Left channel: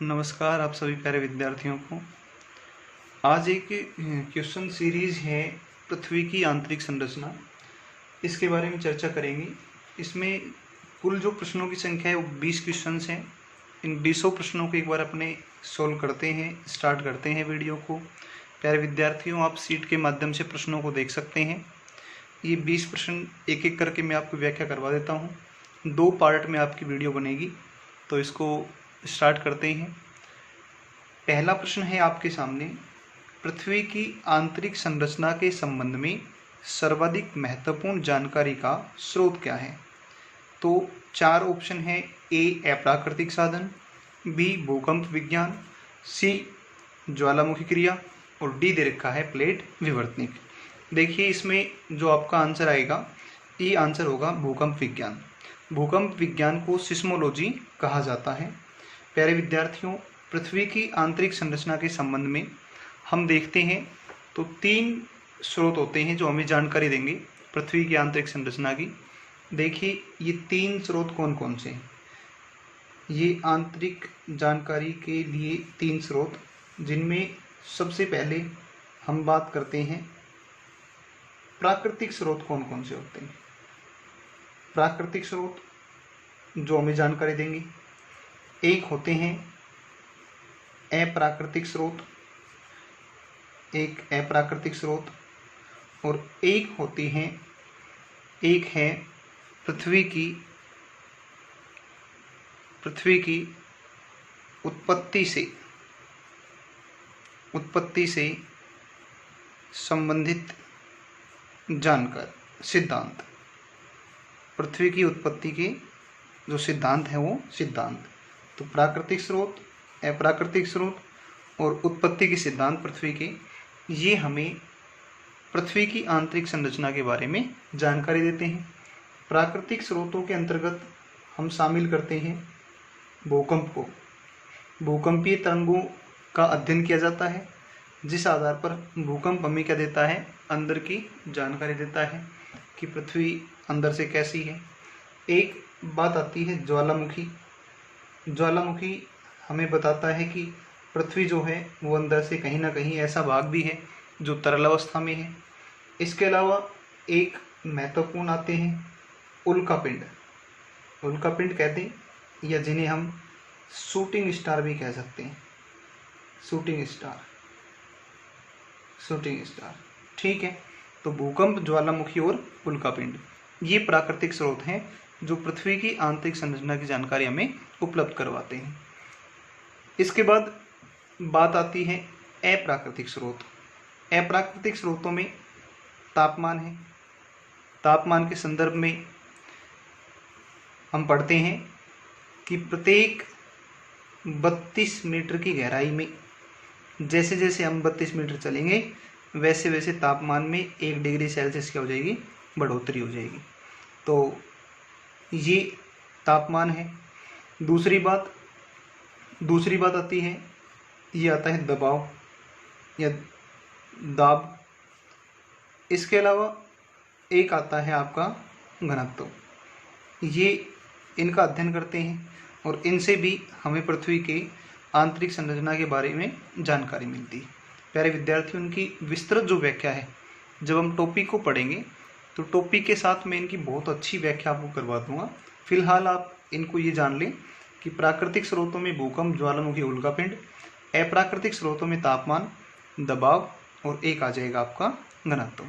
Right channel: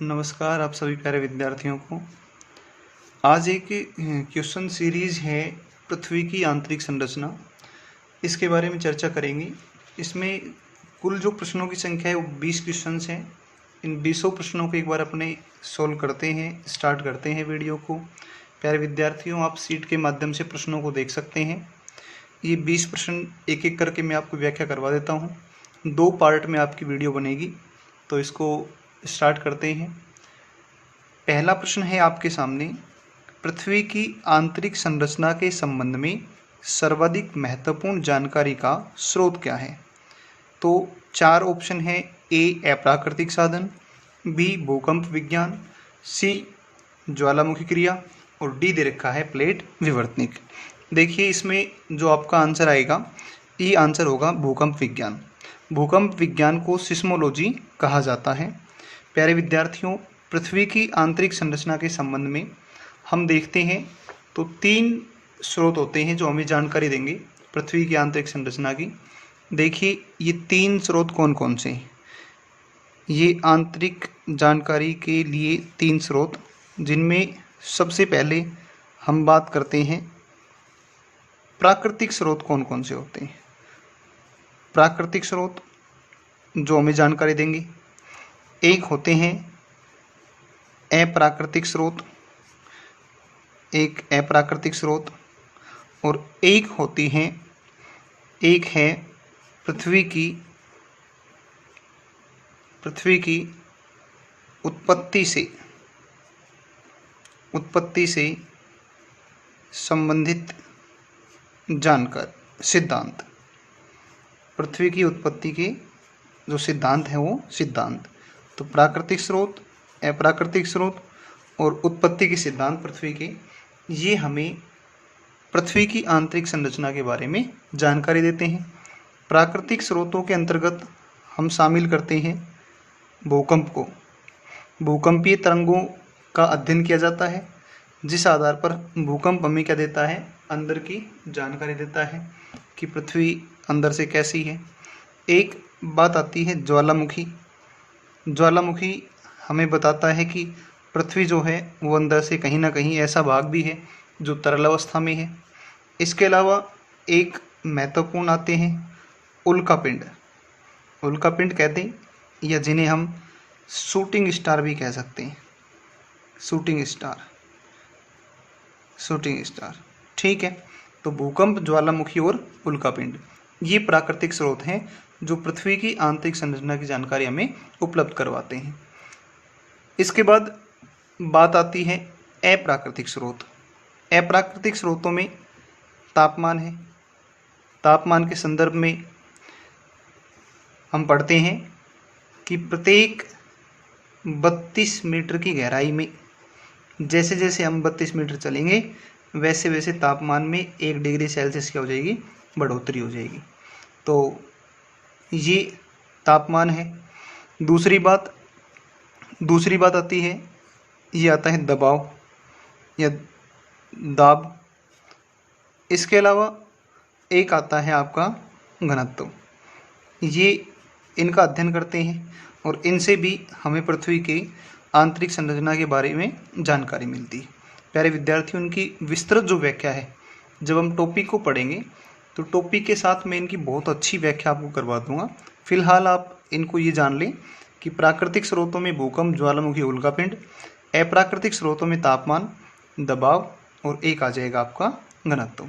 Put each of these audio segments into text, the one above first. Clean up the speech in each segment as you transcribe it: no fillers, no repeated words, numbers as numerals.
नमस्कार आप सभी प्यारे विद्यार्थियों को। आज एक क्वेश्चन सीरीज है पृथ्वी की आंतरिक संरचना, इसके बारे में चर्चा करेंगे। इसमें कुल जो प्रश्नों की संख्या है वो 20 क्वेश्चंस हैं। इन 20 प्रश्नों को एक बार अपने सोल्व करते हैं, स्टार्ट करते हैं वीडियो को। प्यारे विद्यार्थियों, आप सीट के माध्यम से प्रश्नों को देख सकते हैं। ये 20 प्रश्न एक एक करके मैं आपको व्याख्या करवा देता हूँ। 2 पार्ट में आपकी वीडियो बनेगी, तो इसको स्टार्ट करते हैं। पहला प्रश्न है आपके सामने, पृथ्वी की आंतरिक संरचना के संबंध में सर्वाधिक महत्वपूर्ण जानकारी का स्रोत क्या है? तो 4 ऑप्शन है। ए अप्राकृतिक साधन, बी भूकंप विज्ञान, सी ज्वालामुखी क्रिया और डी दे रखा है प्लेट विवर्तनिक। देखिए इसमें जो आपका आंसर आएगा, ये आंसर होगा भूकंप विज्ञान। भूकंप विज्ञान को सिस्मोलॉजी कहा जाता है। प्यारे विद्यार्थियों, पृथ्वी की आंतरिक संरचना के संबंध में हम देखते हैं तो 3 स्रोत होते हैं जो हमें जानकारी देंगे पृथ्वी की आंतरिक संरचना की। देखिए ये 3 स्रोत कौन कौन से हैं। ये आंतरिक जानकारी के लिए 3 स्रोत, जिनमें सबसे पहले हम बात करते हैं प्राकृतिक स्रोत कौन कौन से होते हैं। प्राकृतिक स्रोत जो हमें जानकारी देंगे, एक होते हैं अप्राकृतिक स्रोत, एक अप्राकृतिक स्रोत और एक है पृथ्वी की उत्पत्ति से संबंधित जानकारी सिद्धांत। पृथ्वी की उत्पत्ति के जो सिद्धांत है वो सिद्धांत। तो प्राकृतिक स्रोत, अप्राकृतिक स्रोत और उत्पत्ति के सिद्धांत पृथ्वी के, ये हमें पृथ्वी की आंतरिक संरचना के बारे में जानकारी देते हैं। प्राकृतिक स्रोतों के अंतर्गत हम शामिल करते हैं भूकंप को। भूकंपीय तरंगों का अध्ययन किया जाता है, जिस आधार पर भूकंप हमें क्या देता है, अंदर की जानकारी देता है कि पृथ्वी अंदर से कैसी है। एक बात आती है ज्वालामुखी। ज्वालामुखी हमें बताता है कि पृथ्वी जो है वो अंदर से कहीं ना कहीं ऐसा भाग भी है जो तरल अवस्था में है। इसके अलावा एक महत्वपूर्ण आते हैं उल्कापिंड। उल्कापिंड कहते हैं, या जिन्हें हम शूटिंग स्टार भी कह सकते हैं। शूटिंग स्टार, ठीक है। तो भूकंप, ज्वालामुखी और उल्कापिंड, ये प्राकृतिक स्रोत हैं जो पृथ्वी की आंतरिक संरचना की जानकारी हमें उपलब्ध करवाते हैं। इसके बाद बात आती है अप्राकृतिक स्रोत। अप्राकृतिक स्रोतों में तापमान है। तापमान के संदर्भ में हम पढ़ते हैं कि प्रत्येक 32 मीटर की गहराई में जैसे जैसे हम 32 मीटर चलेंगे वैसे वैसे तापमान में 1 डिग्री सेल्सियस क्या हो जाएगी, बढ़ोतरी हो जाएगी। तो ये तापमान है। दूसरी बात आती है, ये आता है दबाव या दाब। इसके अलावा एक आता है आपका घनत्व। ये इनका अध्ययन करते हैं और इनसे भी हमें पृथ्वी की आंतरिक संरचना के बारे में जानकारी मिलती है। प्यारे विद्यार्थियों, उनकी विस्तृत जो व्याख्या है, जब हम टॉपिक को पढ़ेंगे तो टॉपिक के साथ मैं इनकी बहुत अच्छी व्याख्या आपको करवा दूंगा। फिलहाल आप इनको ये जान लें कि प्राकृतिक स्रोतों में भूकंप, ज्वालामुखी, उल्कापिंड, अप्राकृतिक स्रोतों में तापमान, दबाव और एक आ जाएगा आपका घनत्व।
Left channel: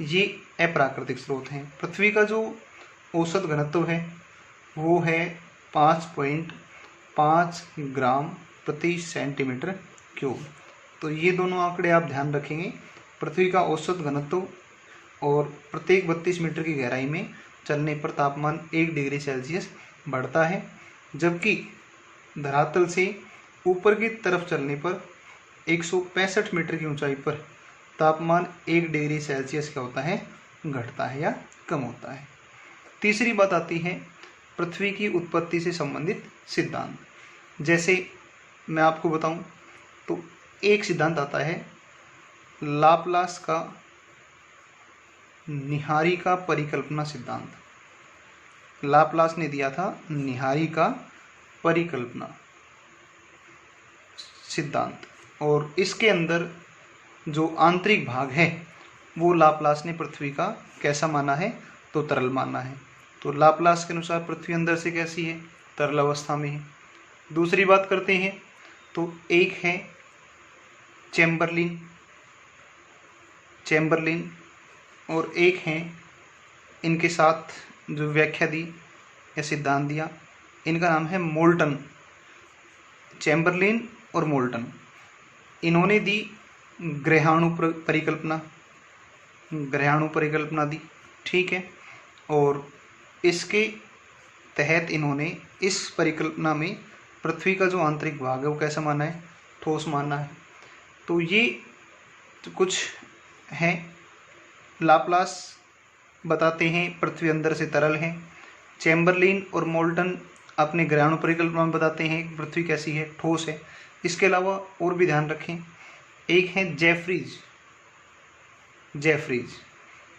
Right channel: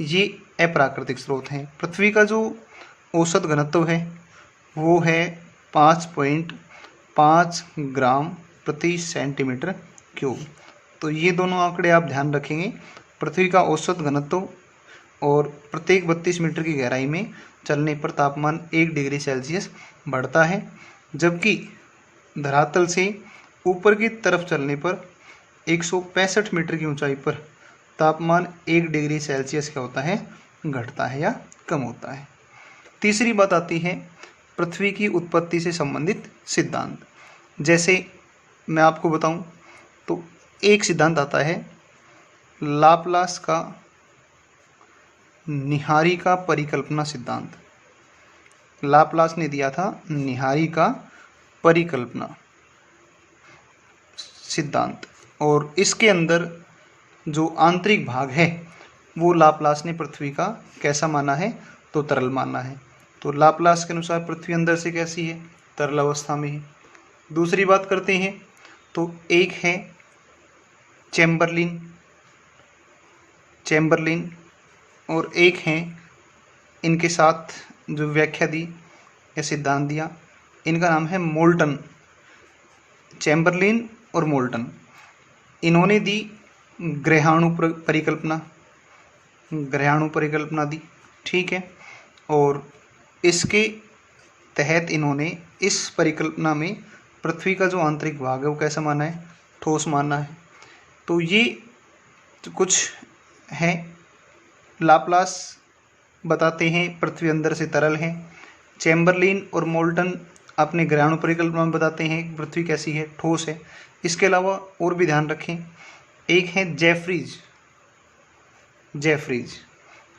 ये अप्राकृतिक स्रोत हैं। पृथ्वी का जो औसत घनत्व है वो है 5.5 ग्राम प्रति सेंटीमीटर क्यूब। तो ये दोनों आंकड़े आप ध्यान रखेंगे। पृथ्वी का औसत घनत्व और प्रत्येक 32 मीटर की गहराई में चलने पर तापमान 1 डिग्री सेल्सियस बढ़ता है, जबकि धरातल से ऊपर की तरफ चलने पर 165 मीटर की ऊंचाई पर तापमान 1 डिग्री सेल्सियस क्या होता है, घटता है या कम होता है। तीसरी बात आती है पृथ्वी की उत्पत्ति से संबंधित सिद्धांत। जैसे मैं आपको बताऊं तो एक सिद्धांत आता है लाप्लास का निहारिका परिकल्पना सिद्धांत। लाप्लास ने दिया था निहारिका परिकल्पना। सिद्धांत, और इसके अंदर जो आंतरिक भाग है वो लाप्लास ने पृथ्वी का कैसा माना है, तो तरल माना है। तो लाप्लास के अनुसार पृथ्वी अंदर से कैसी है, तरल अवस्था में है। दूसरी बात करते हैं, तो एक है चैम्बरलिन और एक है, इनके साथ जो व्याख्या दी या सिद्धांत दिया, इनका नाम है मोल्टन। चैम्बरलिन और मोल्टन, इन्होंने दी ग्रहाणु परिकल्पना दी, ठीक है। और इसके तहत इन्होंने इस परिकल्पना में पृथ्वी का जो आंतरिक भाग है वो कैसा माना है, ठोस माना है। तो ये कुछ है। लाप्लास बताते हैं पृथ्वी अंदर से तरल है। चैम्बरलिन और मोल्टन अपने ग्रहाणु परिकल्पना में बताते हैं कि पृथ्वी कैसी है, ठोस है। इसके अलावा और भी ध्यान रखें, एक है जेफरीज,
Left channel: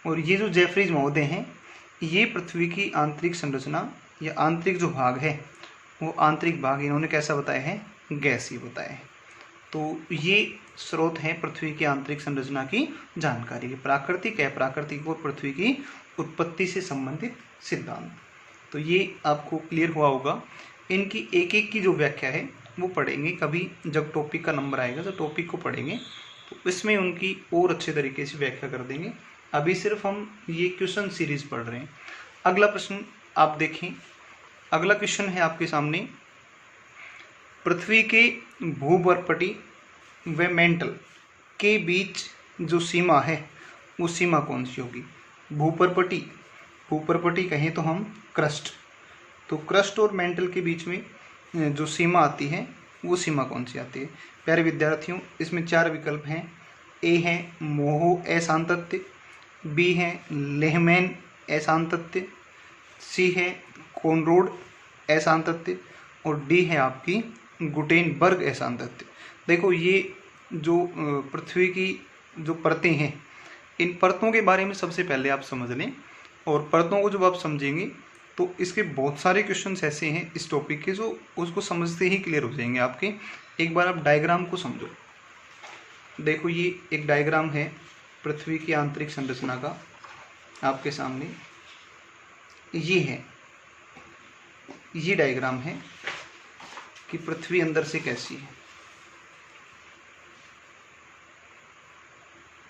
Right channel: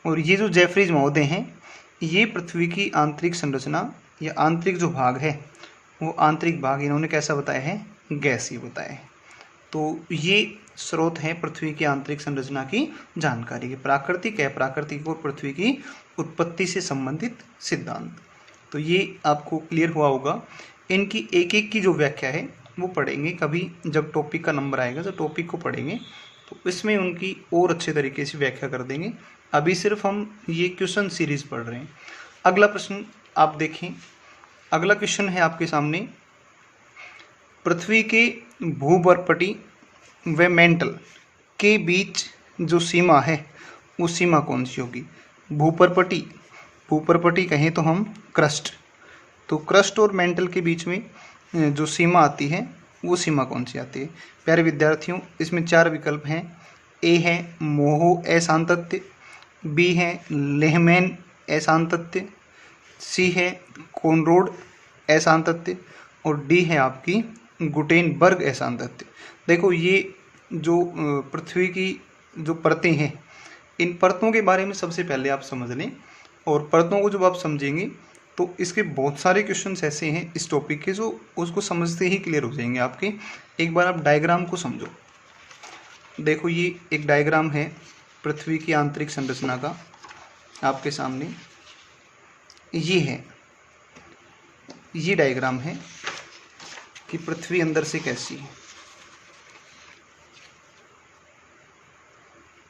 और ये जो जेफरीज महोदय हैं, ये पृथ्वी की आंतरिक संरचना या आंतरिक जो भाग है वो आंतरिक भाग इन्होंने कैसा बताया है, गैसीय बताया है। तो ये स्रोत हैं पृथ्वी की आंतरिक संरचना की जानकारी के, प्राकृतिक, अप्राकृतिक और पृथ्वी की उत्पत्ति से संबंधित सिद्धांत। तो ये आपको क्लियर हुआ होगा। इनकी एक एक की जो व्याख्या है वो पढ़ेंगे कभी, जब टॉपिक का नंबर आएगा, जब टॉपिक को पढ़ेंगे तो इसमें उनकी और अच्छे तरीके से व्याख्या कर देंगे। अभी सिर्फ हम ये क्वेश्चन सीरीज पढ़ रहे हैं। अगला प्रश्न आप देखें। अगला क्वेश्चन है आपके सामने, पृथ्वी के भूपर्पटी व मेंटल के बीच जो सीमा है वो सीमा कौन सी होगी। भूपर्पटी कहें तो हम क्रस्ट, तो क्रस्ट और मेंटल के बीच में जो सीमा आती है वो सीमा कौन सी आती है। प्यारे विद्यार्थियों, इसमें 4 विकल्प हैं। ए है मोहो अशांतत्य, बी है लेहमैन अशांतत्य, सी है कोनरोड अशांतत्य और डी है आपकी गुटेनबर्ग अशांतत्य। देखो, ये जो पृथ्वी की जो परतें हैं, इन परतों के बारे में सबसे पहले आप समझ लें, और परतों को जब आप समझेंगे तो इसके बहुत सारे क्वेश्चंस ऐसे हैं इस टॉपिक के जो उसको समझते ही क्लियर हो जाएंगे आपके। एक बार आप डायग्राम को समझो। देखो, ये एक डायग्राम है पृथ्वी की आंतरिक संरचना का आपके सामने। ये डायग्राम है कि पृथ्वी अंदर से कैसी है।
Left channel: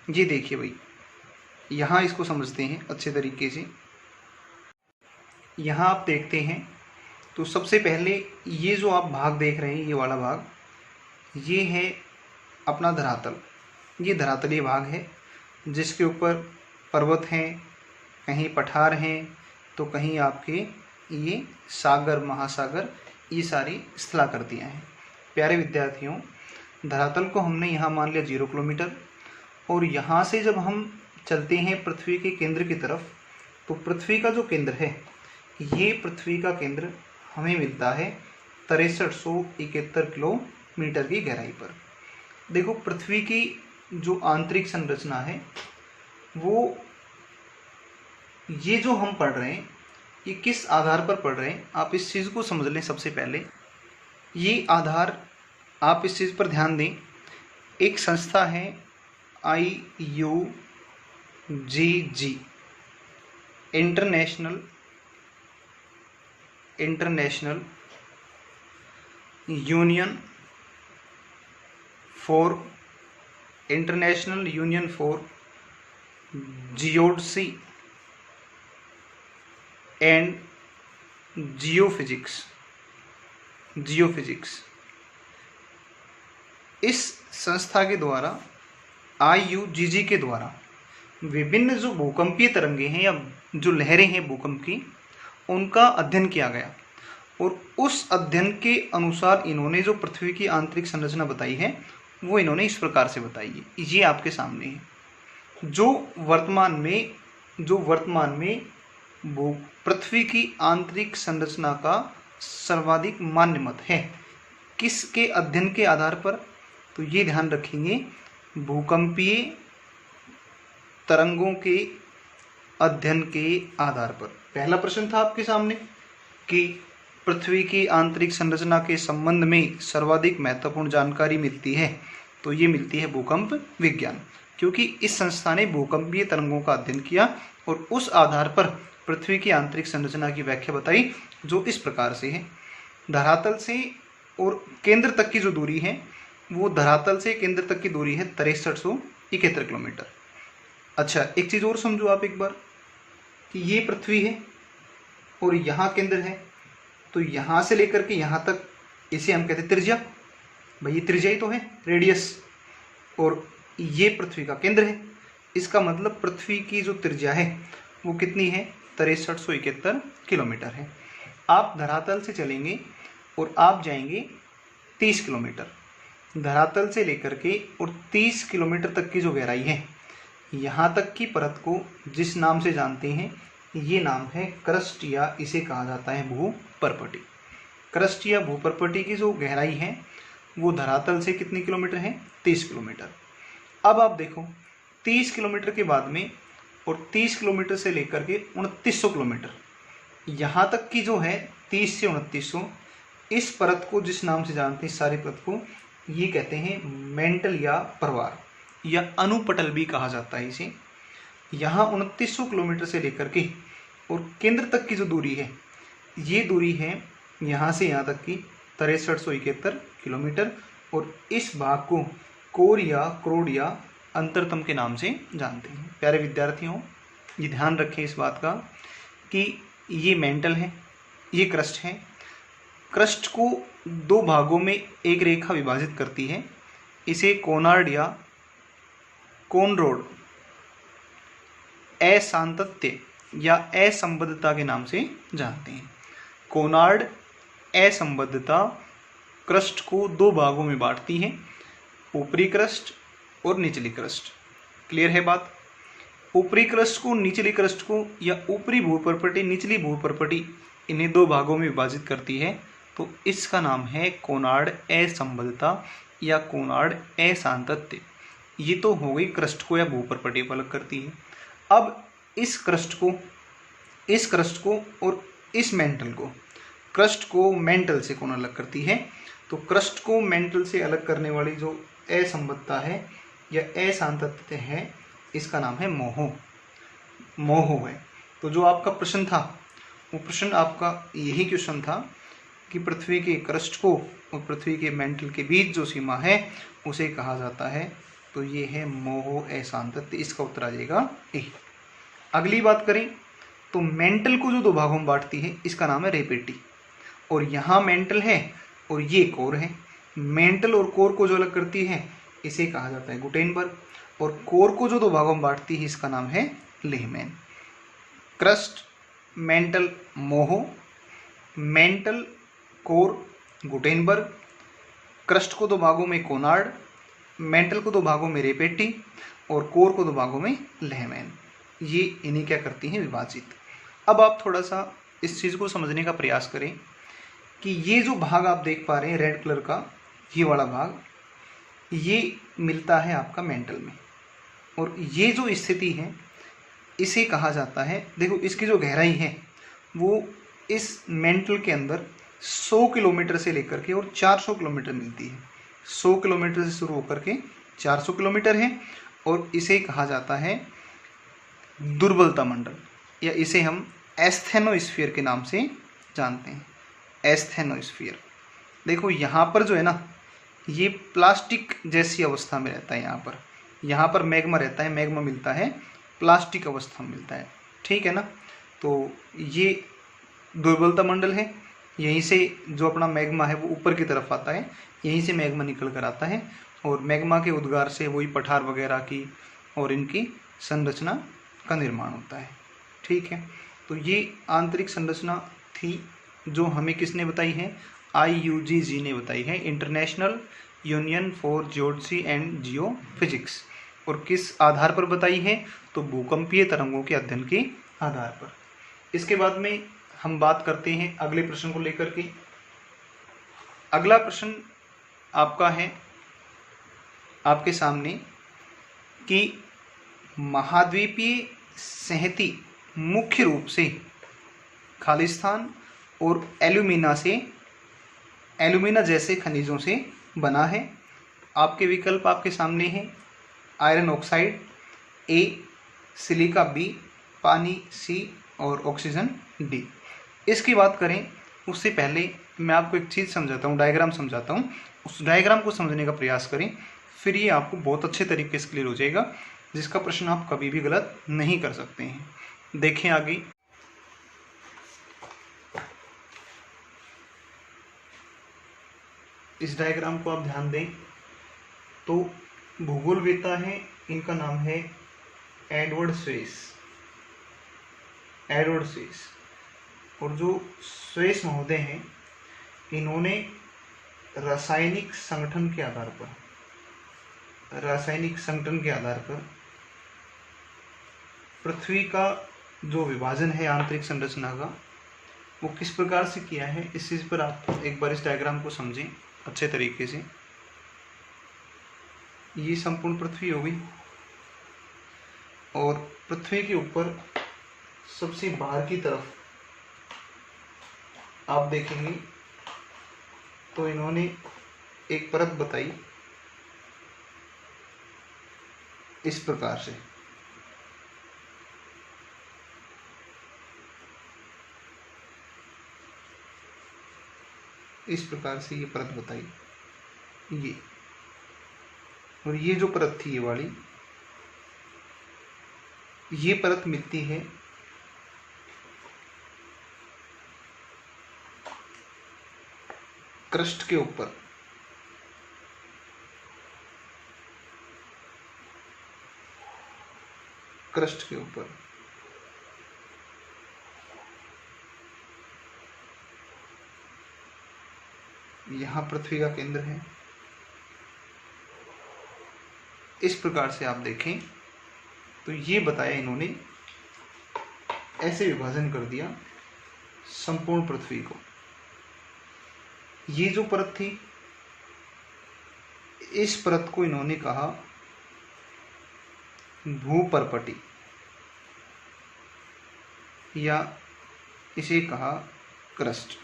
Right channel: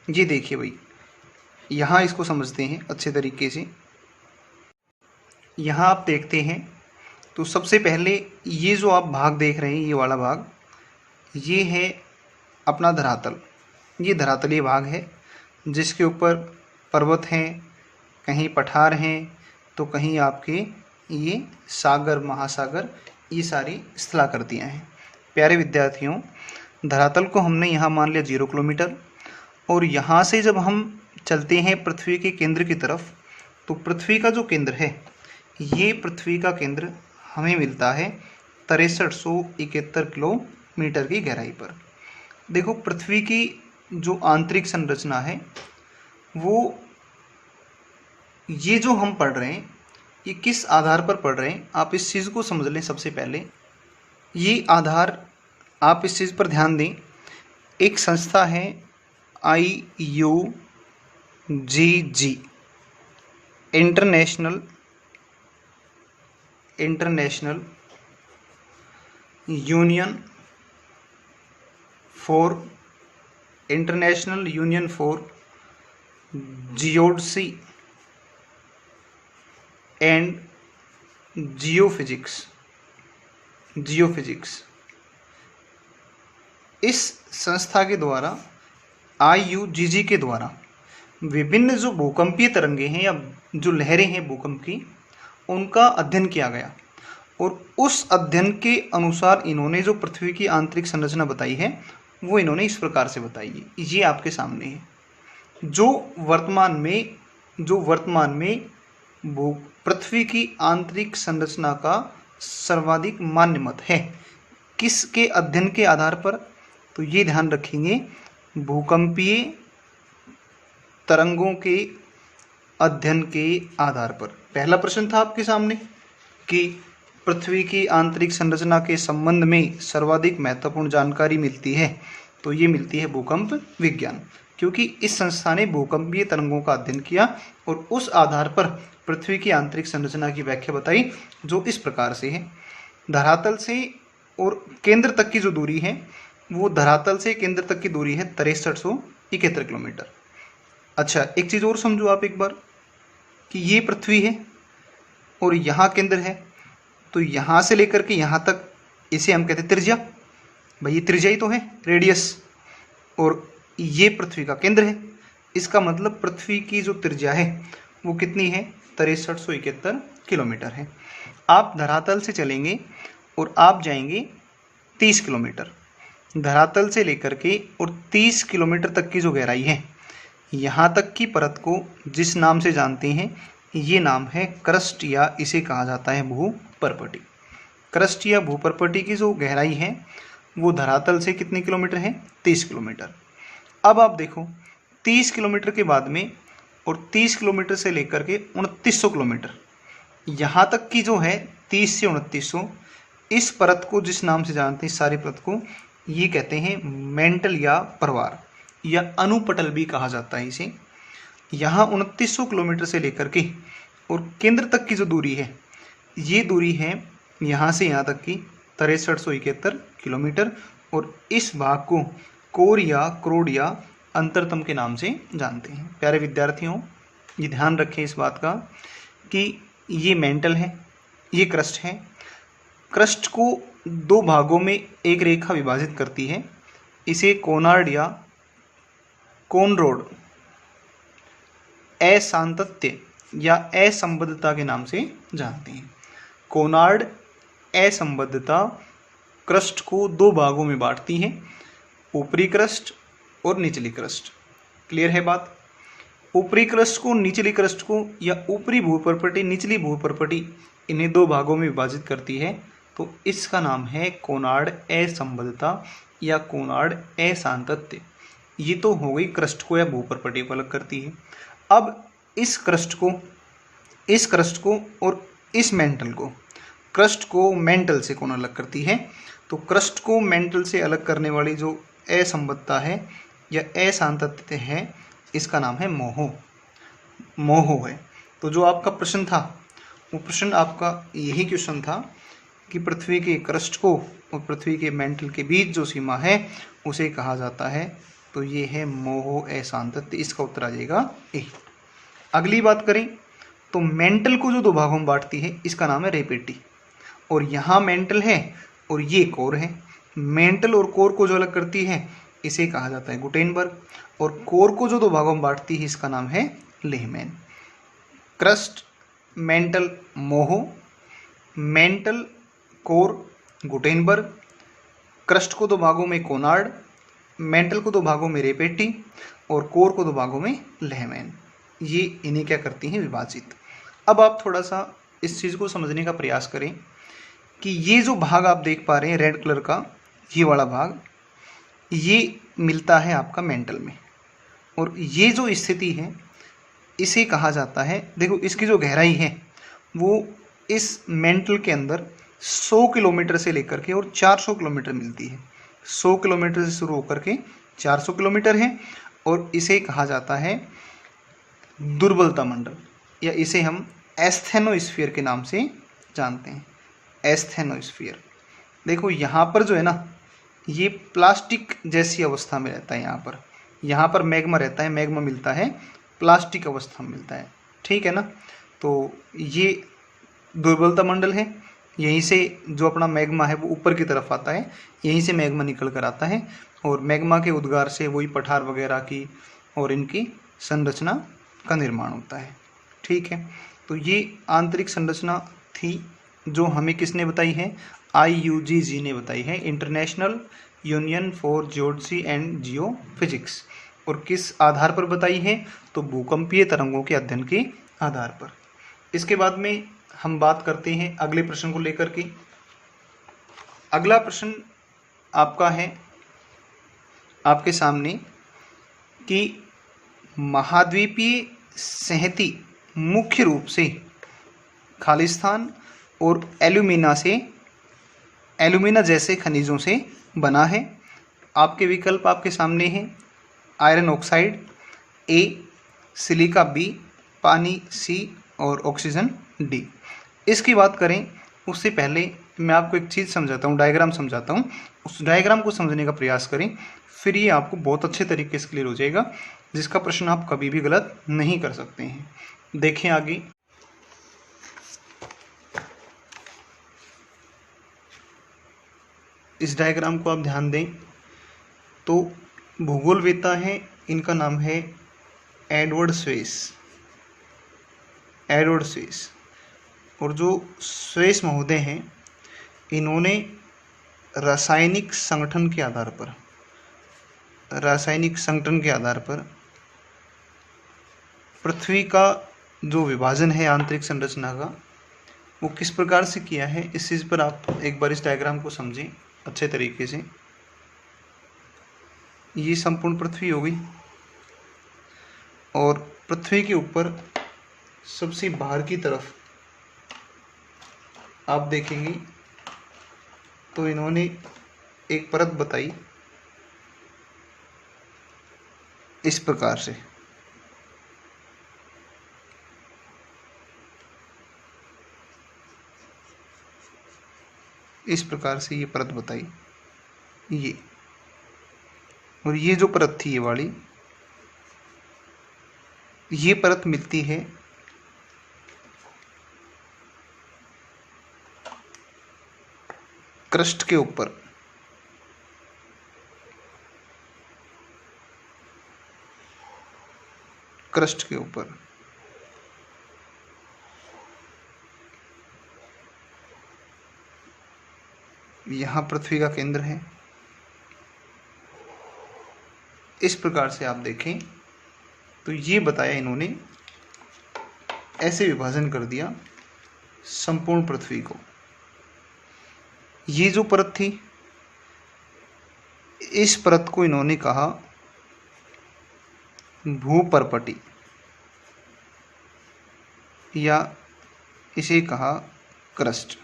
ये देखिए भाई, यहाँ इसको समझते हैं अच्छे तरीके से। यहाँ आप देखते हैं तो सबसे पहले ये जो आप भाग देख रहे हैं, ये वाला भाग, ये है अपना धरातल। ये धरातलीय भाग है जिसके ऊपर पर्वत हैं, कहीं पठार हैं, तो कहीं आपके ये सागर, महासागर, ये सारी स्थलाकृतियाँ हैं। प्यारे विद्यार्थियों, धरातल को हमने यहाँ मान लिया 0 किलोमीटर, और यहाँ से जब हम चलते हैं पृथ्वी के केंद्र की तरफ, तो पृथ्वी का जो केंद्र है, ये पृथ्वी का केंद्र हमें मिलता है 6371 किलोमीटर की गहराई पर। देखो, पृथ्वी की जो आंतरिक संरचना है वो, ये जो हम पढ़ रहे हैं, ये किस आधार पर पढ़ रहे हैं, आप इस चीज़ को समझ लें। सबसे पहले ये आधार, आप इस चीज़ पर ध्यान दें। एक संस्था है IUGG, international union for geodesy and geophysics. इस संस्था के द्वारा, IUGG के द्वारा, विभिन्न जो भूकंपीय तरंगे हैं या जो लहरें हैं भूकंप की, उनका अध्ययन किया गया, और उस अध्ययन के अनुसार इन्होंने जो पृथ्वी की आंतरिक संरचना बताई है वो इन्होंने इस प्रकार से बताई है। ये आपके सामने है। जो वर्तमान में पृथ्वी की आंतरिक संरचना का सर्वाधिक मान्य मत है, किसके अध्ययन के आधार पर, तो ये ध्यान रखेंगे, भूकंपीय तरंगों के अध्ययन के आधार पर। पहला प्रश्न था आपके सामने कि पृथ्वी की आंतरिक संरचना के संबंध में सर्वाधिक महत्वपूर्ण जानकारी मिलती है, तो ये मिलती है भूकंप विज्ञान, क्योंकि इस संस्था ने भूकंपीय तरंगों का अध्ययन किया और उस आधार पर पृथ्वी की आंतरिक संरचना की व्याख्या बताई, जो इस प्रकार से है। धरातल से और केंद्र तक की जो दूरी है, वो धरातल से केंद्र तक की दूरी है 6371 किलोमीटर। अच्छा, एक चीज़ और समझो आप एक बार कि ये पृथ्वी है और यहाँ केंद्र है, तो यहाँ से लेकर के यहाँ तक इसे हम कहते हैं त्रिज्या। भाई ये त्रिज्या ही तो है, रेडियस, और ये पृथ्वी का केंद्र है। इसका मतलब पृथ्वी की जो त्रिज्या है वो कितनी है, 6371 किलोमीटर है। आप धरातल से चलेंगे और आप जाएंगे 30 किलोमीटर, धरातल से लेकर के और 30 किलोमीटर तक की जो गहराई है, यहाँ तक की परत को जिस नाम से जानते हैं, ये नाम है क्रस्ट, या इसे कहा जाता है भूपर्पटी। क्रस्ट या भूपर्पटी की जो गहराई है वो धरातल से कितने किलोमीटर है, 30 किलोमीटर। अब आप देखो 30 किलोमीटर के बाद में और 30 किलोमीटर से लेकर के 2900 किलोमीटर, यहाँ तक की जो है 30 से 2900, इस परत को जिस नाम से जानते हैं, सारी परत को, ये कहते हैं मेंटल या परवार या अनुपटल भी कहा जाता है इसे। यहाँ 2900 किलोमीटर से लेकर के और केंद्र तक की जो दूरी है, ये दूरी है यहाँ से यहाँ तक की 6371 किलोमीटर, और इस भाग को कोर या क्रोड या अंतरतम के नाम से जानते हैं। प्यारे विद्यार्थियों, ये ध्यान रखें इस बात का कि ये मेंटल है, ये क्रस्ट है। क्रस्ट को दो भागों में एक रेखा विभाजित करती है, इसे कोनार्ड या कोनरोड असांतत्य या असंबद्धता के नाम से जानते हैं। कोनार्ड असंबद्धता क्रस्ट को दो भागों में बांटती है, ऊपरी क्रस्ट और निचली क्रस्ट। क्लियर है बात? ऊपरी क्रस्ट को, निचली क्रस्ट को, या ऊपरी भूपर्पटी, निचली भूपर्पटी, इन्हें दो भागों में विभाजित करती है, तो इसका नाम है कोनार्ड असंबद्धता या कोनार्ड असांतत्य। ये तो हो गई क्रस्ट को या भूपर्पटी को अलग करती है। अब इस क्रस्ट को और इस मेंटल को, क्रस्ट को मेंटल से कौन अलग करती है, तो क्रस्ट को मेंटल से अलग करने वाली जो असंबद्धता है या असांतत्य है, इसका नाम है मोहो है। तो जो आपका प्रश्न था, वो प्रश्न आपका यही क्वेश्चन था कि पृथ्वी के क्रस्ट को और पृथ्वी के मेंटल के बीच जो सीमा है उसे कहा जाता है, तो ये है मोहो असांतत्य। इसका उत्तर आ जाएगा ए। अगली बात करें तो मेंटल को जो दो भागों में बांटती है, इसका नाम है रेपेटी, और यहाँ मेंटल है और ये कोर है। मेंटल और कोर को जो अलग करती है, इसे कहा जाता है गुटेनबर्ग, और कोर को जो दो भागों में बांटती है, इसका नाम है Lehmann. Crust, mantle, Moho, mantle, core, Gutenberg, crust को दो भागों में कोनार्ड, मेंटल को दो भागों में रेपेटी और कोर को दो भागों में लेहमैन। ये इन्हें क्या करती हैं, विभाजित। अब आप थोड़ा सा इस चीज़ को समझने का प्रयास करें कि ये जो भाग आप देख पा रहे हैं रेड कलर का, ये वाला भाग, ये मिलता है आपका मेंटल में, और ये जो स्थिति है इसे कहा जाता है, देखो इसकी जो गहराई है वो इस मेंटल के अंदर 100 किलोमीटर से लेकर के और 400 किलोमीटर मिलती है। 100 किलोमीटर से शुरू होकर के 400 किलोमीटर है, और इसे कहा जाता है दुर्बलता मंडल, या इसे हम एस्थेनोस्फीयर के नाम से जानते हैं। एस्थेनोस्फीयर, देखो यहाँ पर जो है ना, ये प्लास्टिक जैसी अवस्था में रहता है। यहाँ पर मैग्मा रहता है, मैग्मा मिलता है, प्लास्टिक अवस्था में मिलता है, ठीक है ना। तो ये दुर्बलता मंडल है, यहीं से जो अपना मैग्मा है वो ऊपर की तरफ आता है, यहीं से मैग्मा निकल कर आता है, और मैग्मा के उद्गार से वही पठार वगैरह की और इनकी संरचना का निर्माण होता है, ठीक है। तो ये आंतरिक संरचना थी जो हमें किसने बताई है, IUGG ने बताई है, international union for geology and geophysics. और किस आधार पर बताई है, तो भूकंपीय तरंगों के अध्ययन के आधार पर। इसके बाद में हम बात करते हैं अगले प्रश्न को लेकर के। अगला प्रश्न आपका है आपके सामने कि महाद्वीपीय संहति मुख्य रूप से खालिस्तान, और एल्यूमिना जैसे खनिजों से बना है। आपके विकल्प आपके सामने हैं, आयरन ऑक्साइड ए, सिलिका बी, पानी सी और ऑक्सीजन डी। इसकी बात करें उससे पहले मैं आपको एक चीज़ समझाता हूँ, डायग्राम समझाता हूँ। उस डायग्राम को समझने का प्रयास करें, फिर ये आपको बहुत अच्छे तरीके से क्लियर हो जाएगा, जिसका प्रश्न आप कभी भी गलत नहीं कर सकते हैं। देखें आगे। इस डायग्राम को आप ध्यान दें तो भूगोलवेत्ता है, इनका नाम है एडवर्ड स्वेस। और जो स्वेस महोदय हैं, इन्होंने रासायनिक संगठन के आधार पर पृथ्वी का जो विभाजन है आंतरिक संरचना का, वो किस प्रकार से किया है, इस चीज़ पर आप एक बार इस डायग्राम को समझें अच्छे तरीके से। ये संपूर्ण पृथ्वी हो गई और पृथ्वी के ऊपर सबसे बाहर की तरफ आप देखेंगे तो इन्होंने एक परत बताई इस प्रकार से। इस प्रकार से ये परत बताई, ये और ये जो परत थी, ये वाली, ये परत मिलती है क्रस्ट के ऊपर। यहाँ पृथ्वी का केंद्र है। इस प्रकार से आप देखें तो ये बताया इन्होंने, ऐसे विभाजन कर दिया संपूर्ण पृथ्वी को। ये जो परत थी, इस परत को इन्होंने कहा भूपर्पटी, या इसे कहा क्रस्ट।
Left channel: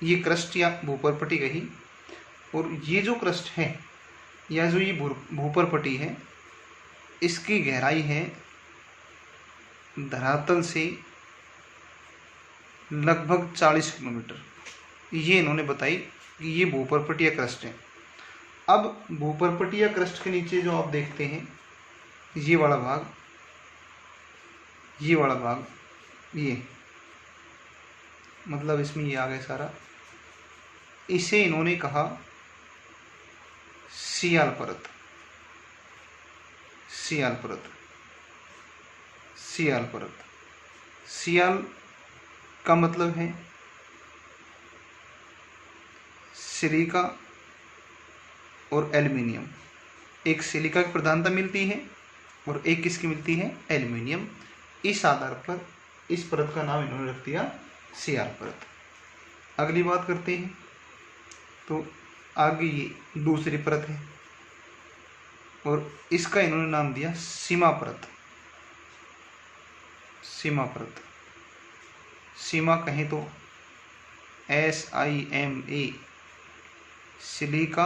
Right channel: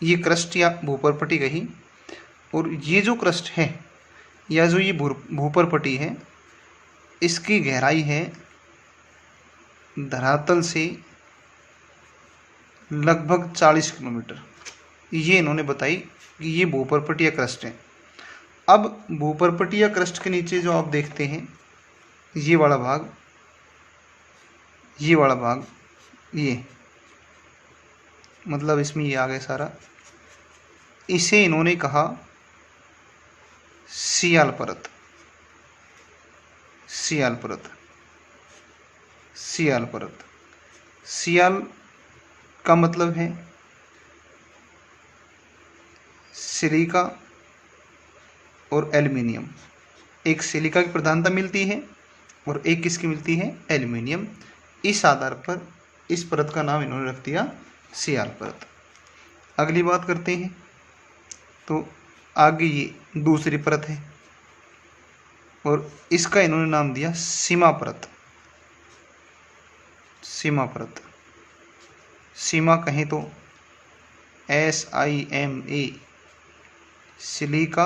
ये क्रस्ट या भूपर्पटी कही। और ये जो क्रस्ट है या जो ये भूपर्पटी है, इसकी गहराई है धरातल से लगभग 40 किलोमीटर। ये इन्होंने बताई कि ये भूपर्पटी या क्रस्ट है। अब भूपर्पटी या क्रस्ट के नीचे जो आप देखते हैं, ये वाला भाग, ये मतलब इसमें ये आ गया सारा, इसे इन्होंने कहा सियाल परत। सियाल का मतलब है सिलिका और एल्युमिनियम। एक सिलिका की प्रधानता मिलती है और एक किसकी मिलती है, एल्युमिनियम। इस आधार पर इस परत का नाम इन्होंने रख दिया सियाल परत। अगली बात करते हैं तो आगे ये दूसरी परत है और इसका इन्होंने नाम दिया सीमा परत। सीमा कहें तो SIMA, सिलिका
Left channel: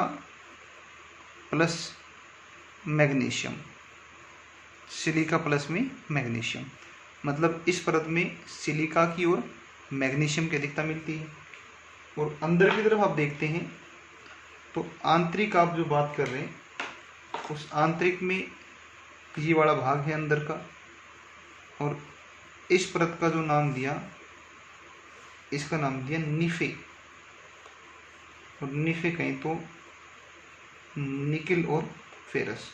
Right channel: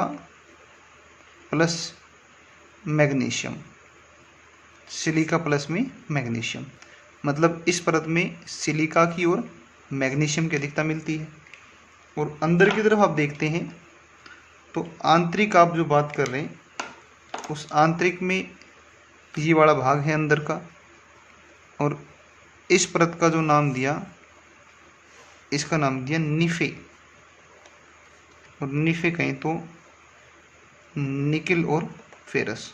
प्लस मैग्नीशियम। मतलब इस परत में सिलिका की और मैग्नीशियम की अधिकता मिलती है। और अंदर की तरफ आप देखते हैं तो आंतरिक, आप जो बात कर रहे हैं, उस आंतरिक में ये वाला भाग है अंदर का। और इस परत का जो नाम दिया, इसका नाम दिया निफे। और निफे कहें तो निकिल और फेरस।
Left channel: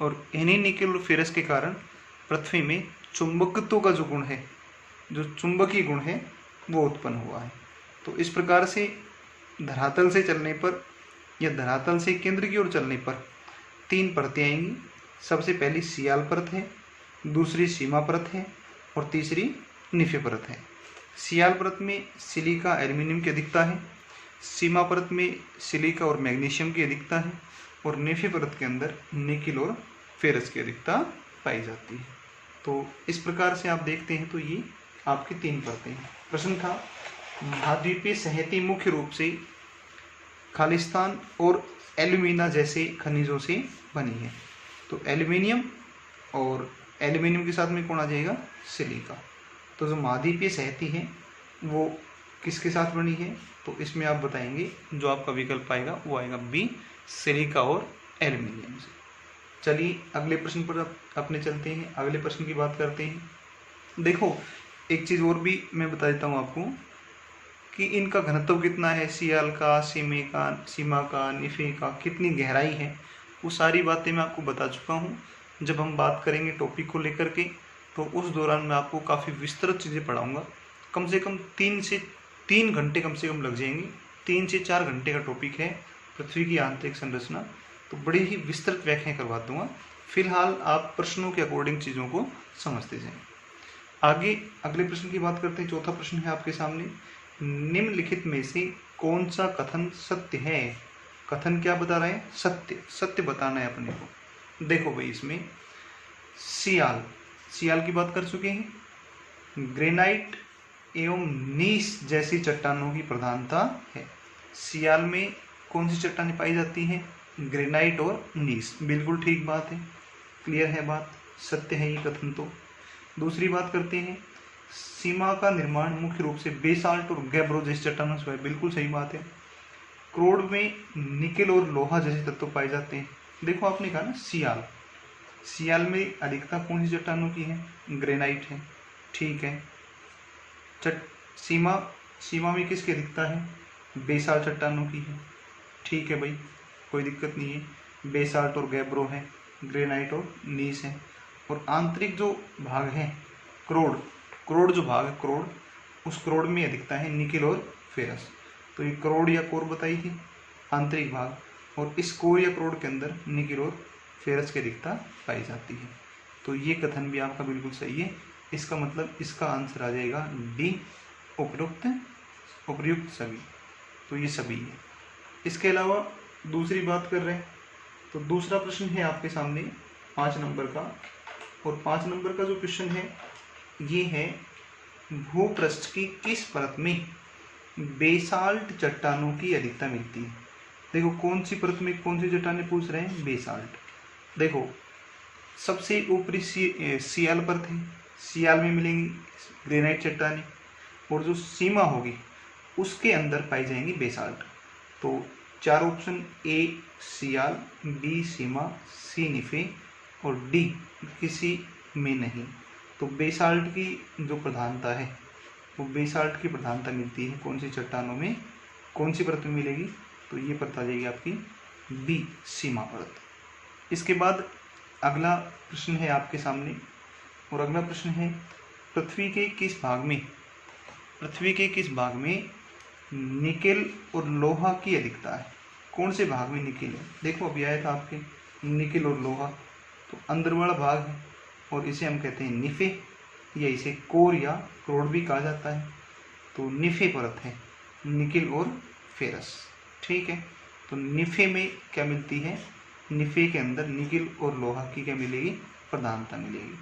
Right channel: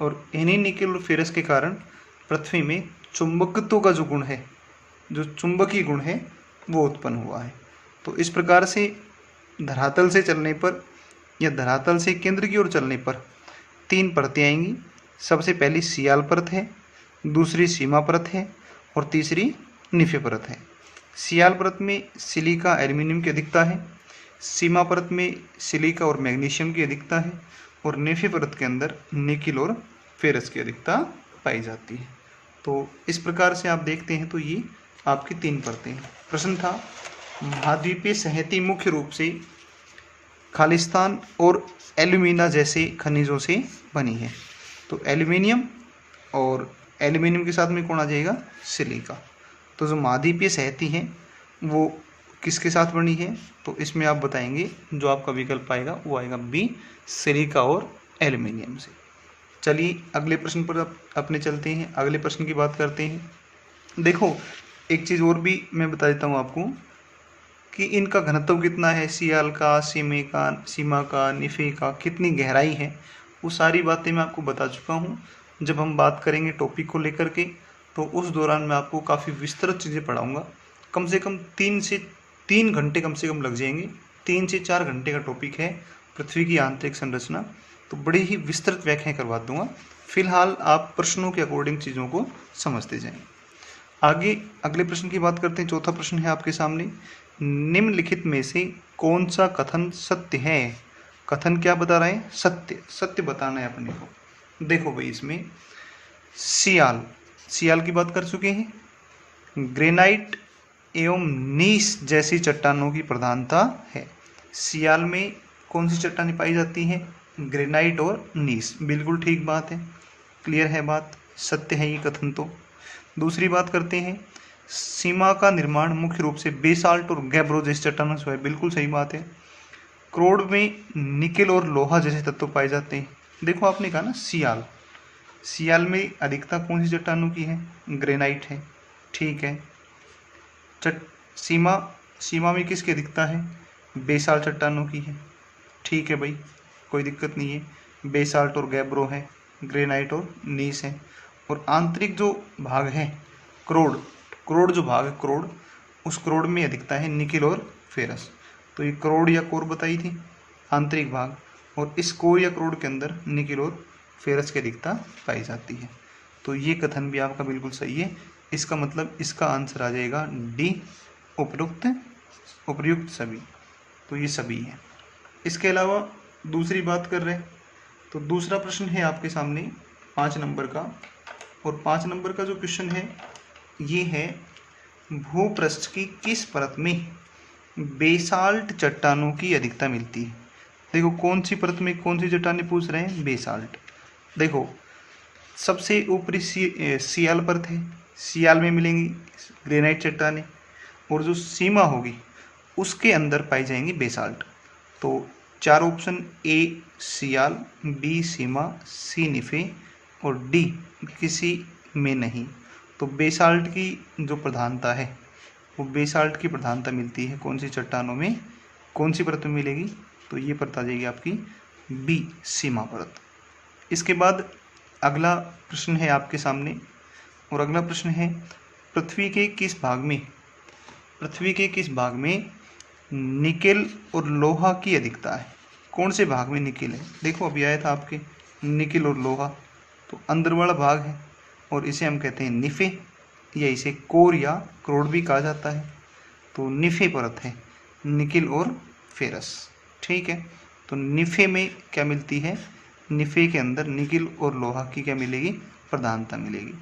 और इन्हीं निकिल और फेरस के कारण पृथ्वी में चुंबकत्व का जो गुण है, जो चुंबकीय गुण है, वो उत्पन्न हुआ है। तो इस प्रकार से धरातल से चलने पर या धरातल से केंद्र की ओर चलने पर 3 परतें आएंगी। सबसे पहली सियाल परत है, दूसरी सीमा परत है और तीसरी निफे परत है। सियाल परत में सिलिका एल्युमिनियम की अधिकता है, सीमा परत में सिलिका और मैग्नीशियम की अधिकता है और निफे परत के अंदर निकिल और फेरस की अधिकता पाई जाती है। तो इस प्रकार से आप देखते हैं तो ये आपकी 3 परतें हैं। प्रश्न था महाद्वीपीय संहति मुख्य रूप से खालिस्तान और एल्यूमिना जैसे खनिजों से बनी है। तो एल्यूमिनियम और एल्यूमिनियम के साथ में कौन आ जाएगा, सिलिका। तो जो महाद्वीपीय संहति है वो किसके साथ बनी है, तो इसमें आप बताएंगे जो आपका विकल्प आएगा वो आएगा बी, सिलिका और एल्यूमिनियम से। चलिए अगले प्रश्न पर अपने चलते हैं, अगले प्रश्न की बात करते हैं। देखो एक चीज़ और भी मैं बता देता हूँ आपको कि इनका घनत्व कितना है, सियाल का, सीमा का, निफे का, कितनी गहराई है, वो सारी बातें मैं आपको बता चुका हूँ। जब हम बात करेंगे टॉपिक को लेकर के तो उस दौरान मैं आपको काफ़ी विस्तृत चीज़ें पढ़ाऊँगा। कम से कम 3 घंटे कम से कम लग जाएंगे। 3 से 4 घंटे का टॉपिक है पृथ्वी की आंतरिक संरचना, तो बड़ी ही विस्तृत व्याख्याएं करवा दूंगा। फिलहाल आप प्रश्नों के अकॉर्डिंग चीज़ों को समझते जाएं। आगे अगले प्रश्न की बात करते हैं। चौथा प्रश्न है आपके सामने, निम्नलिखित में से कौन सा कथन सत्य है। कथन क्या बता रहे हैं, सत्य, सत्य बताना है अपने को। देखो भाई इसमें सियाल की बात कर चुके हैं, ग्रेनाइट एवं नीस जैसी चट्टानों की प्रधानता है। सियाल में कौन सी चट्टानें पाई जाती हैं, ग्रेनाइट और नीस। बिल्कुल ठीक बात है, क्लियर है बात, सत्य है ये कथन। तो दूसरी बात करते हैं, सीमा का निर्माण मुख्य रूप से बेसाल्ट और गैब्रो जैसी चट्टानों से है। बिल्कुल सही बात है। क्रोड में निकेल और लोहा जैसे तत्व पाए जाते हैं। देखो आपने कहा ना सियाल में अधिकता कौन सी चट्टानों की है, ग्रेनाइट है, ठीक है। सीमा में किसकी अधिकता है, बेसाल्ट चट्टानों की है, ठीक है भाई, कोई दिक्कत नहीं है। बेसाल्ट और गैब्रो है, ग्रेनाइट और नीस है। और आंतरिक जो भाग है क्रोड जो भाग है क्रोड, उस क्रोड में अधिकता है निकिल और फेरस। तो ये क्रोड या कोर बताई थी आंतरिक भाग, और इस कोर या क्रोड के अंदर निकिल और फेरस की अधिकता पाई जाती है। तो ये कथन भी आपका बिल्कुल सही है। इसका मतलब इसका आंसर आ जाएगा डी, उपर्युक्त सभी। तो ये सभी है। इसके अलावा दूसरी बात कर रहे हैं तो दूसरा प्रश्न है आपके सामने 5 नंबर का, और 5 नंबर का जो क्वेश्चन है ये है, भूपृष्ठ की किस परत में बेसाल्ट चट्टानों की अधिकता मिलती है। देखो कौन सी परत में कौन सी चट्टानें पूछ रहे हैं, बेसाल्ट। देखो सबसे ऊपरी सियाल परत है, सियाल में मिलेंगी ग्रेनाइट चट्टानें, और जो सीमा होगी उसके अंदर पाई जाएंगी बेसाल्ट। तो 4 ऑप्शन, ए सियाल, बी सीमा, सी निफे और डी किसी में नहीं। तो बेसाल्ट की जो प्रधानता है वो बेसाल्ट की प्रधानता मिलती है कौन सी चट्टानों में, कौन सी परत में मिलेगी, तो ये परत आ जाएगी आपकी बी, सीमा परत। इसके बाद अगला प्रश्न है आपके सामने, और अगला प्रश्न है, पृथ्वी के किस भाग में निकेल और लोहा की अधिकता है। कौन से भाग में निकेल है, देखो अभी आया था आपके निकेल और लोहा, तो अंदर वाला भाग है और इसे हम कहते हैं निफे, या इसे कोर या क्रोड भी कहा जाता है। तो निफे परत है निकेल और फेरस, ठीक है। तो निफे में क्या मिलती है, निफे के अंदर निकेल और लोहा की क्या मिलेगी, प्रधानता मिलेगी।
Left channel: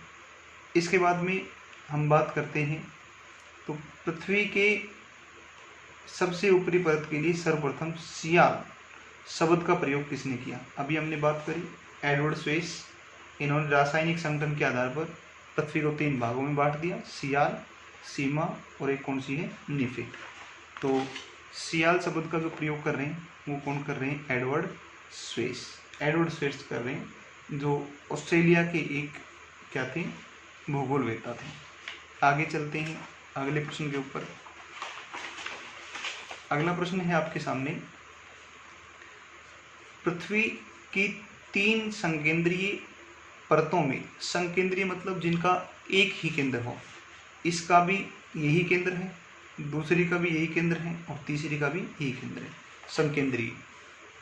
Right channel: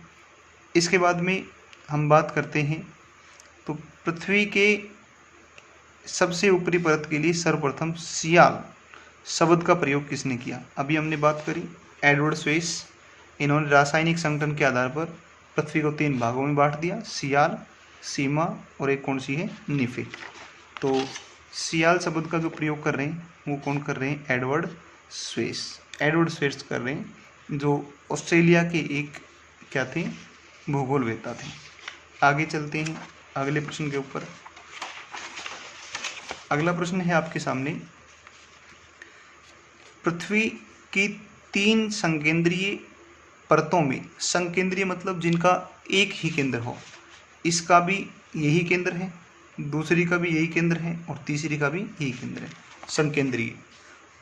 इसके बाद में हम बात करते हैं तो पृथ्वी के सबसे ऊपरी परत के लिए सर्वप्रथम सियाल शब्द का प्रयोग किसने किया। अभी हमने बात करी एडवर्ड स्वेस, इन्होंने रासायनिक संगठन के आधार पर पृथ्वी को 3 भागों में बांट दिया, सियाल, सीमा और एक कौन सी है, निफे। तो सियाल शब्द का जो प्रयोग कर रहे हैं वो कौन कर रहे हैं, एडवर्ड स्वेस कर रहे हैं, जो ऑस्ट्रेलिया के एक क्या थे, भूगोलवेत्ता थे। आगे चलते हैं अगले प्रश्न के ऊपर। अगला प्रश्न है आपके सामने, पृथ्वी की 3 संकेंद्रीय परतों में, संकेंद्रीय मतलब जिनका एक ही केंद्र हो, इसका भी यही केंद्र है, दूसरी का भी यही केंद्र है और तीसरी का भी यही केंद्र है। संकेंद्रीय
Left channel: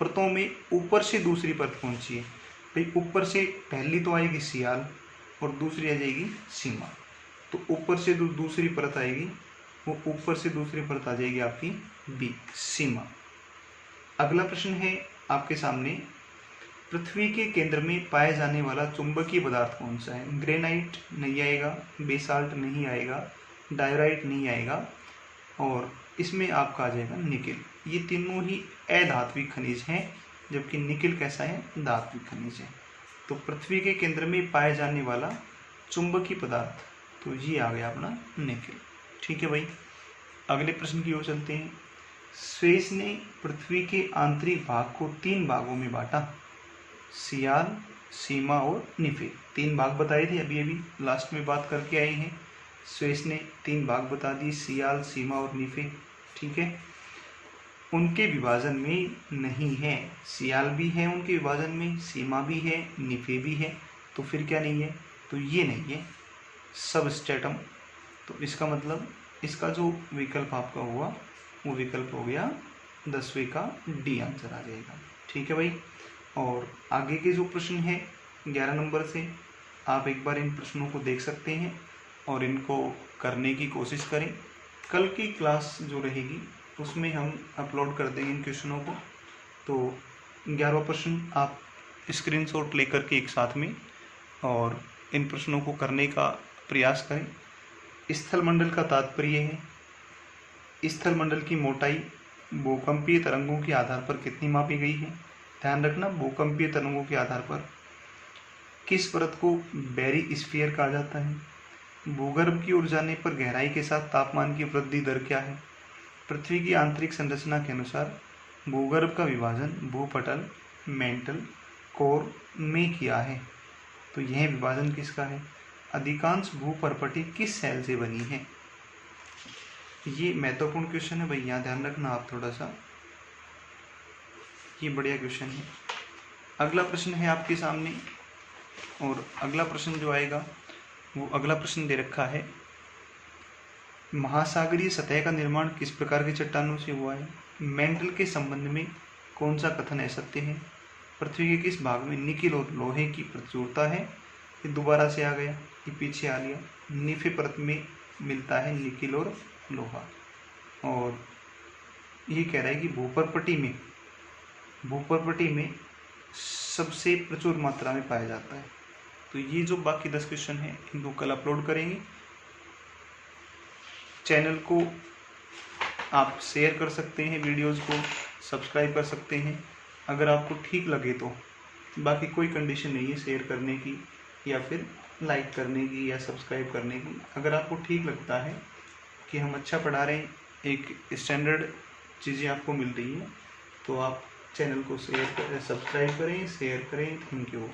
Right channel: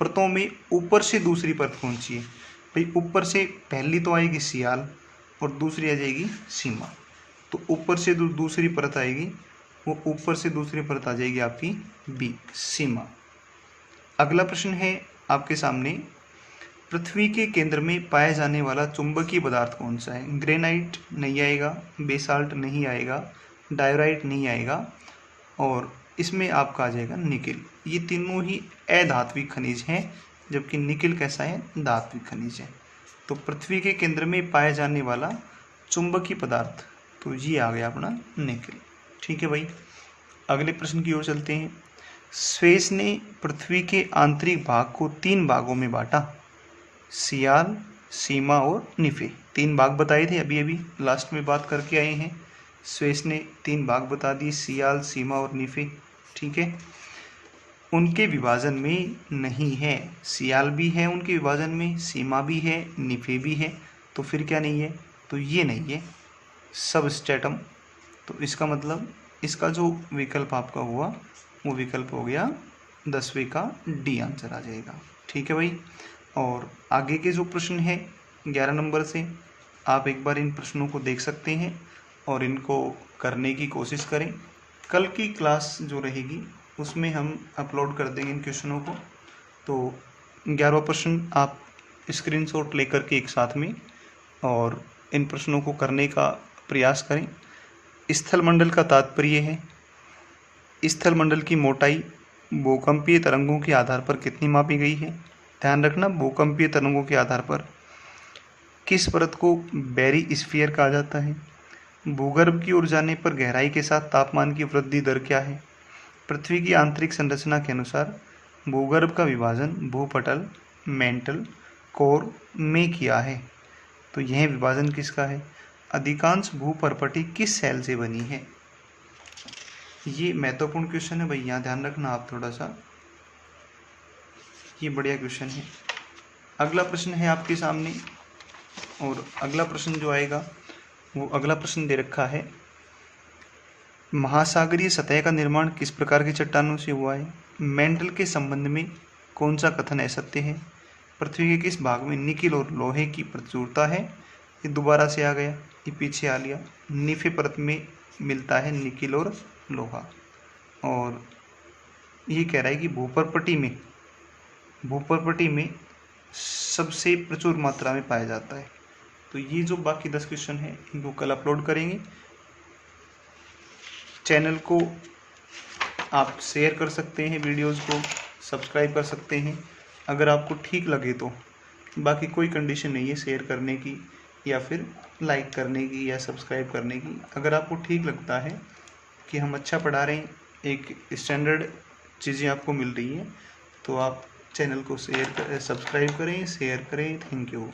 परतों में ऊपर से दूसरी परत कौन सी है भाई, ऊपर से पहली तो आएगी सियाल और दूसरी आ जाएगी सीमा। तो ऊपर से जो दूसरी परत आएगी वो ऊपर से दूसरी परत आ जाएगी आपकी बी, सीमा। अगला प्रश्न है आपके सामने, पृथ्वी के केंद्र में पाया जाने वाला चुंबकीय पदार्थ कौन सा है? ग्रेनाइट नहीं आएगा, बेसाल्ट नहीं आएगा, डायराइट नहीं आएगा, और इसमें आपका आ जाएगा निकिल। ये तीनों ही अधात्विक खनिज हैं, जबकि निकिल कैसा है? धात्विक खनिज है। तो पृथ्वी के केंद्र में पाया जाने वाला चुंबकीय पदार्थ, तो ये आ गया अपना निकिल। ठीक है भाई, अगले प्रश्न की ओर चलते हैं। स्वेस ने पृथ्वी के आंतरिक भाग को 3 भागों में बांटा। सियाल, सीमा और निफे, 3 भाग बताए थे, अभी अभी लास्ट में बात करके आए हैं। स्वेस ने 3 भाग बता दिए, सियाल, सीमा और निफे। ठीक है, उनके विभाजन में नहीं है। सियाल भी है उनके विभाजन में, सीमा भी है, निफे भी है, तो फिर क्या नहीं है? तो ये नहीं है सबस्ट्रेटम। तो इसका मतलब इसका जो विकल्प आपका हुआ वो विकल्प हो गया 10वें का डी आंसर आ जाएगा। ठीक है भाई, और आगे के जो प्रश्न है 11 नंबर से, आप एक बार इन प्रश्नों को देख सकते हैं और इनको करने की कोशिश करें। कल की क्लास जो रहेगी उसमें हम अपलोड कर देंगे इन क्वेश्चनों को। तो 11वां प्रश्न आप स्क्रीनशॉट लेकर के एक साथ में और इन प्रश्नों को करने का प्रयास करें। स्थलमंडल का तात्पर्य है, स्थलमंडल की मोटाई भूकंपीय तरंगों के आधार पर कितनी मापी गई है? ध्यान रखना, भूकंपीय तरंगों के आधार पर। किस परत को बैरी स्फीयर कहा जाता है? भूगर्भ की ओर जाने पर गहराई के साथ तापमान की वृद्धि दर क्या है? पृथ्वी की आंतरिक संरचना के अनुसार भूगर्भ का विभाजन भूपटल, मेंटल, कोर में किया है। तो यह विभाजन किसका है? अधिकांश भूपर्पटी किस सेल से बनी है? ये महत्वपूर्ण क्वेश्चन है भाई, यहाँ ध्यान रखना आप थोड़ा सा, ये बढ़िया क्वेश्चन है। अगला प्रश्न है आपके सामने, और अगला प्रश्न जो आएगा वो अगला प्रश्न दे रखा है, महासागरीय सतह का निर्माण किस प्रकार की चट्टानों से हुआ है? मेंटल के संबंध में कौन सा कथन असत्य है? पृथ्वी के किस भाग में निकिल और लोहे की प्रचुरता है? ये दोबारा से आ गया, ये पीछे आ लिया। निफे परत में मिलता है निकिल और लोहा, और ये कह रहा है कि भूपर्पटी में सबसे प्रचुर मात्रा में पाया जाता है। तो ये जो बाकी 10 क्वेश्चन है इनको कल अपलोड करेंगे। चैनल को आप शेयर कर सकते हैं, वीडियोस को सब्सक्राइब कर सकते हैं अगर आपको ठीक लगे तो। बाकी कोई कंडीशन नहीं है शेयर करने की या फिर लाइक करने की या सब्सक्राइब करने की। अगर आपको ठीक लगता है कि हम अच्छा पढ़ा रहे हैं, एक स्टैंडर्ड चीज़ें आपको मिल रही हैं, तो आप चैनल को सब्सक्राइब करें, शेयर करें। Thank you.